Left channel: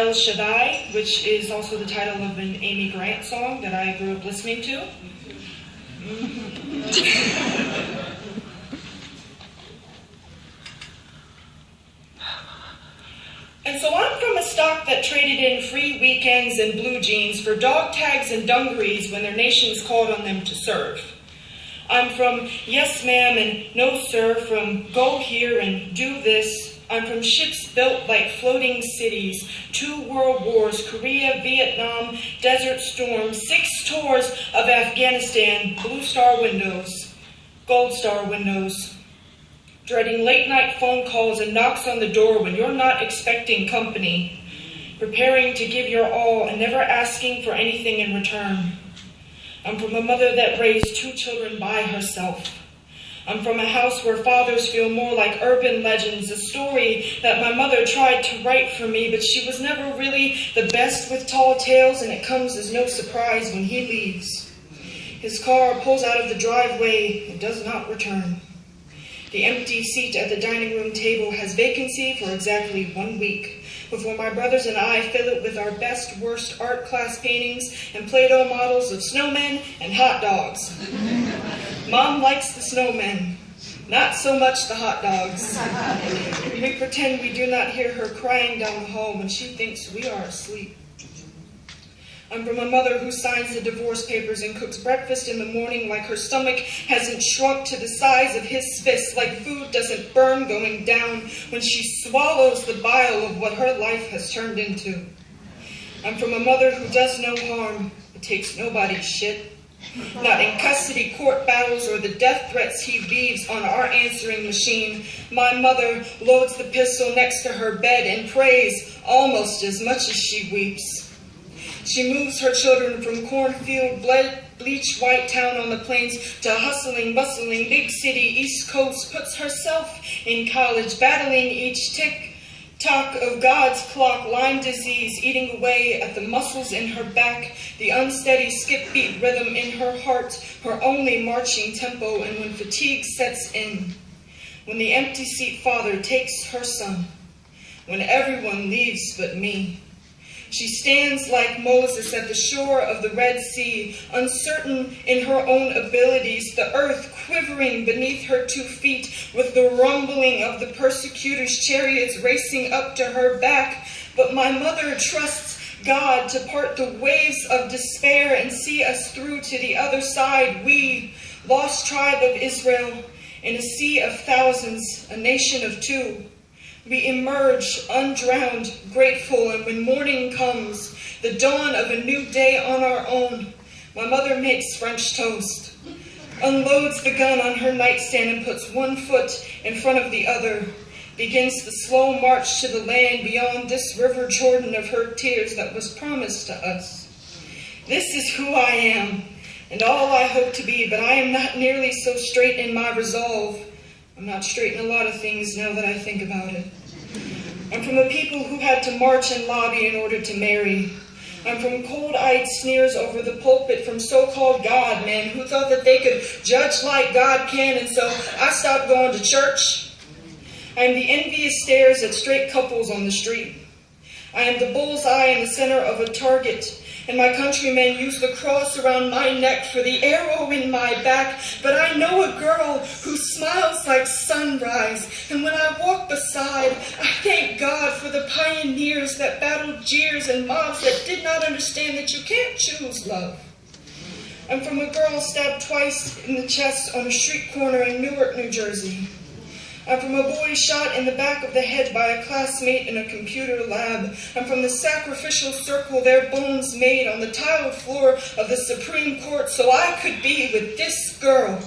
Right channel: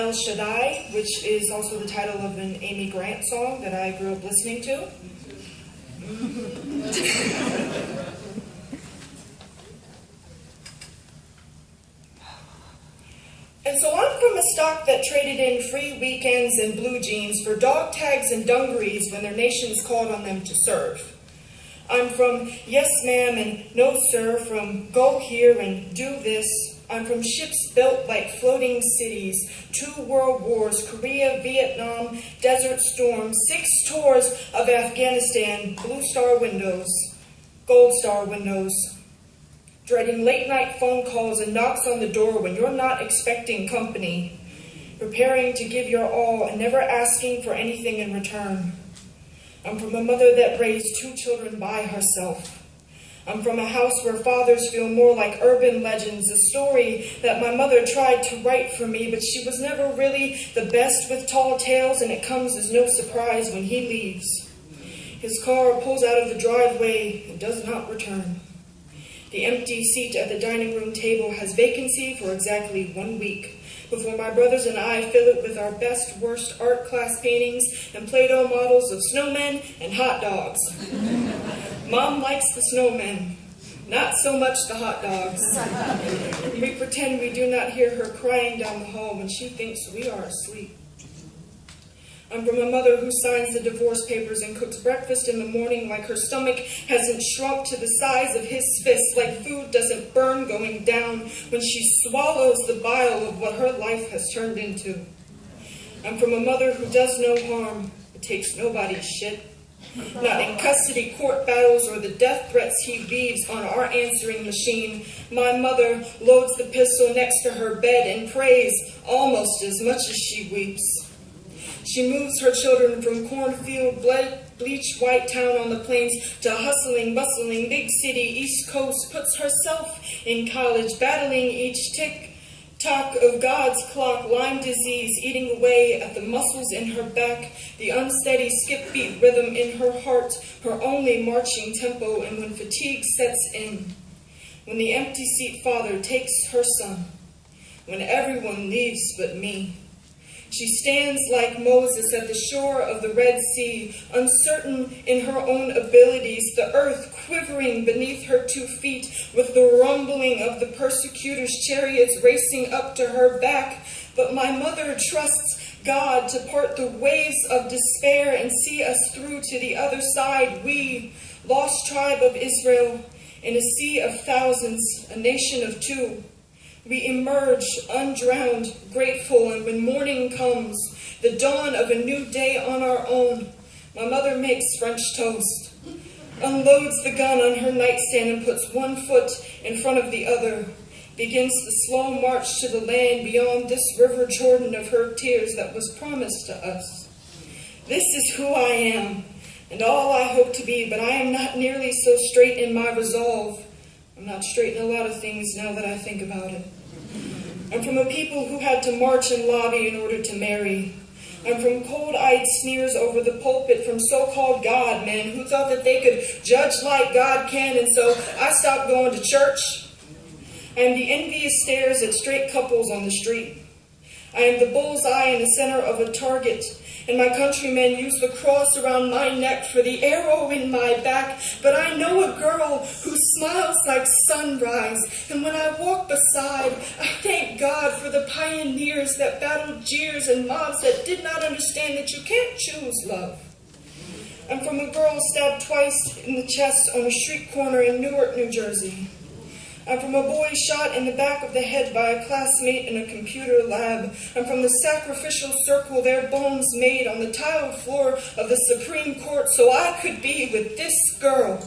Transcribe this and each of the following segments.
El Shaddai, which is also the title of an Amy Grant song that I grew up listening to. And so I'm from a stock that traded in free weekends and blue jeans for dog tags and dungarees when their nations called on them to serve. I'm from yes ma'am and no sir, from go here and do this. I'm from ships built like floating cities, 2 world wars, Korea, Vietnam, Desert Storm, 6 tours of Afghanistan, blue star windows, gold star windows. Dreading late night phone calls and knocks on the door when you're not expecting company. Preparing to give your all and never asking for anything in return. I'm from a mother that raised 2 children by herself. I'm from a house where fathers feel more like urban legends, a story that my mother tried to write for me, but she was never really the best with tall tales, and it comes as no surprise when he leaves. His car pulls out of the driveway and does not return. The empty seat at the dining room table has vacancy for exactly 1 week, before my brothers and I fill it with our best, worst art class paintings and Play-Doh models of snowmen and hot dogs. Mom likes the snowmen, not so much the hot dogs. We pretend we do not hear her crying down the hall when she thinks we are asleep. I'm from a mother who signs the divorce papers and cooks breakfast in the morning like her stomach hasn't shrunk to the size of his fist, like food doesn't burn going down when she swallows the bile of what her life has turned into. I'm from a mother who does no harm, but takes nobody's shit. Not in custody court battles or the death threats he leaves on our answering machine. My mother loads the pistol next to her bed and prays almost as much as she weeps. She moves her children from cornfield, bleach white town on the plains to hustling, bustling, big city, East Coast, puts herself in college, battling each tick-tock of God's clock, Lyme disease eating away at the muscles in her back, the unsteady skip-beat rhythm in her heart, her only marching tempo, and when fatigue sets in, when the empty seat father takes her son, when everyone leaves but me. She stands like Moses at the shore of the Red Sea, uncertain in her own abilities, the earth quivering beneath her 2 feet with the rumbling of the persecutors' chariots racing up to her back. But my mother trusts God to part the waves of despair and see us through to the other side. We, lost tribe of Israel, in a sea of thousands, a nation of 2. We emerge undrowned, grateful, and when morning comes, the dawn of a new day on our own, my mother makes French toast, unloads the gun on her nightstand and puts 1 foot in front of the other, begins the slow march to the land beyond this river Jordan of her tears that was promised to us. This is who I am, and all I hope to be, but I am not nearly so straight in my resolve. I'm not straight in a lot of things now that I think about it. I'm from a people who had to march and lobby in order to marry. I'm from cold-eyed sneers over the pulpit from so-called God men who thought that they could judge like God can, and so I stopped going to church. I am the envious stares at straight couples on the street. I am the bullseye in the center of a target, and my countrymen use the cross around my neck for the arrow in my back. But I know a girl who smiles like sunrise, and when I walk beside, I thank God for the pioneers that battled jeers and mobs that did not understand that you can't choose love. I'm from a girl stabbed twice in the chest on a street corner in Newark, New Jersey. I'm from a boy shot in the back of the head by a classmate in a computer lab. I'm from the sacrificial circle their bones made on the tiled floor of the Supreme Court so I could be with this girl.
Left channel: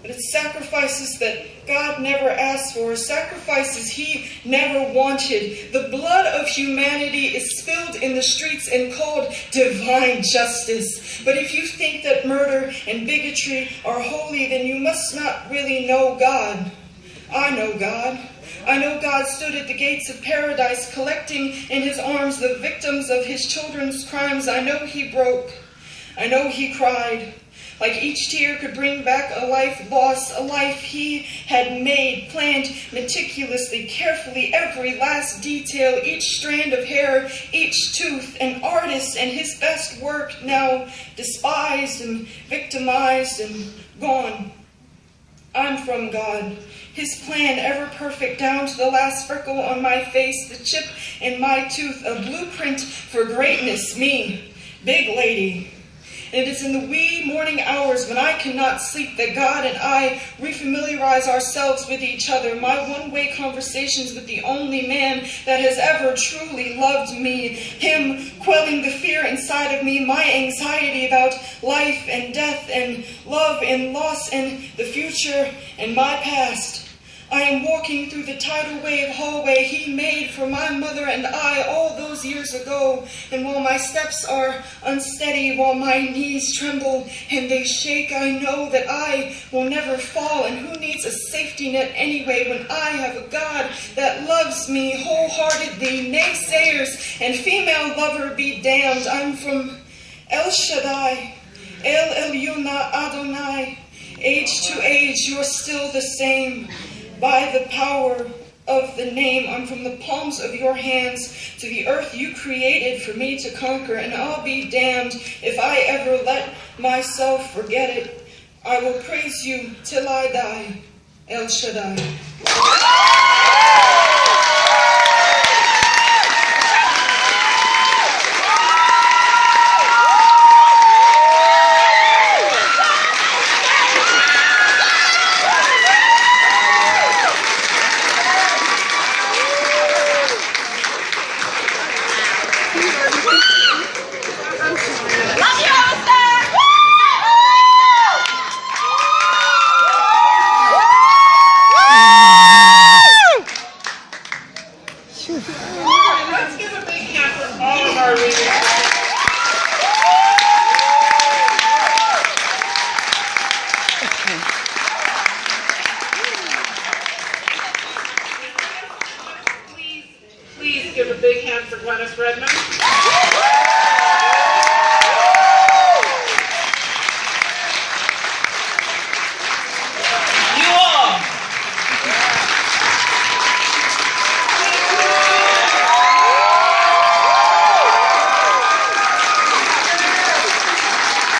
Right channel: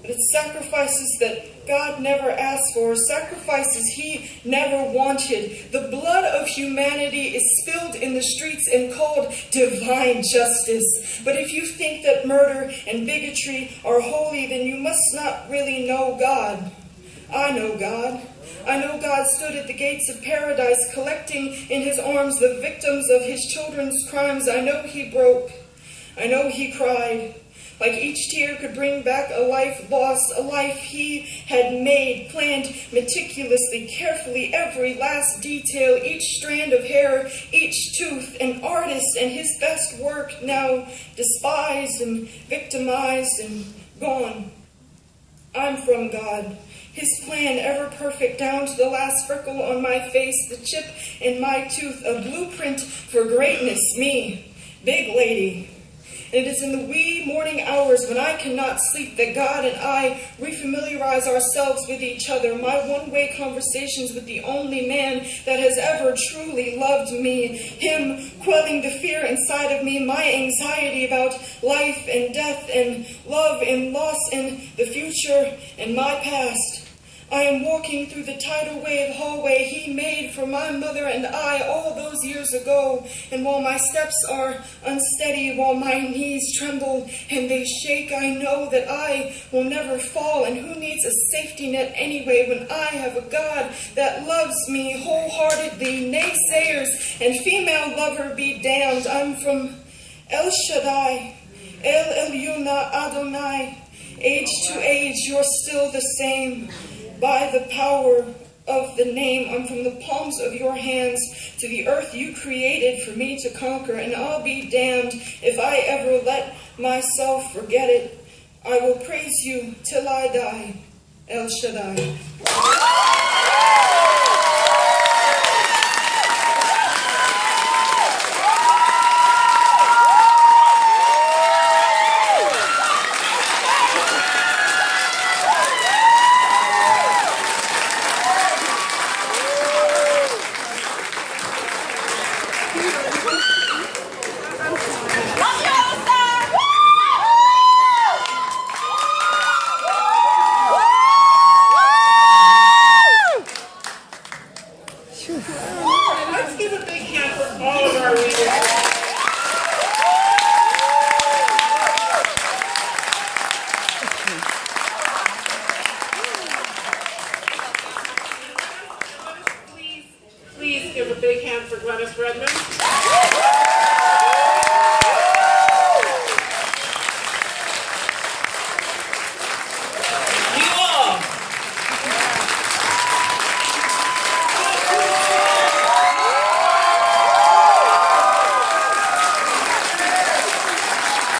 But it's sacrifices that God never asked for, sacrifices he never wanted. The blood of humanity is spilled in the streets and called divine justice. But if you think that murder and bigotry are holy, then you must not really know God. I know God. I know God stood at the gates of paradise, collecting in his arms the victims of his children's crimes. I know he broke. I know he cried. like each tear could bring back a life lost, a life he had made, planned meticulously, carefully, every last detail, each strand of hair, each tooth, an artist and his best work, now despised and victimized and gone. I'm from God. His plan ever perfect down to the last freckle on my face, the chip in my tooth, a blueprint for greatness, me, big lady. It is in the wee morning hours when I cannot sleep that God and I refamiliarize ourselves with each other, my one-way conversations with the only man that has ever truly loved me, him quelling the fear inside of me, my anxiety about life and death and love and loss and the future and my past. I am walking through the tidal wave hallway he made for my mother and I all those years ago. And while my steps are unsteady, while my knees tremble and they shake, I know that I will never fall. And who needs a safety net anyway when I have a God that loves me wholeheartedly? Naysayers and female lover be damned. I'm from El Shaddai, El Elyuna Adonai. Age to age, you're still the same. By the power of the name, I'm from the palms of your hands to the earth you created for me to conquer, and I'll be damned if I ever let myself forget it. I will praise you till I die, El Shaddai. Let's give a big hand for all of our readers. Please give a big hand for Glenis Redmond.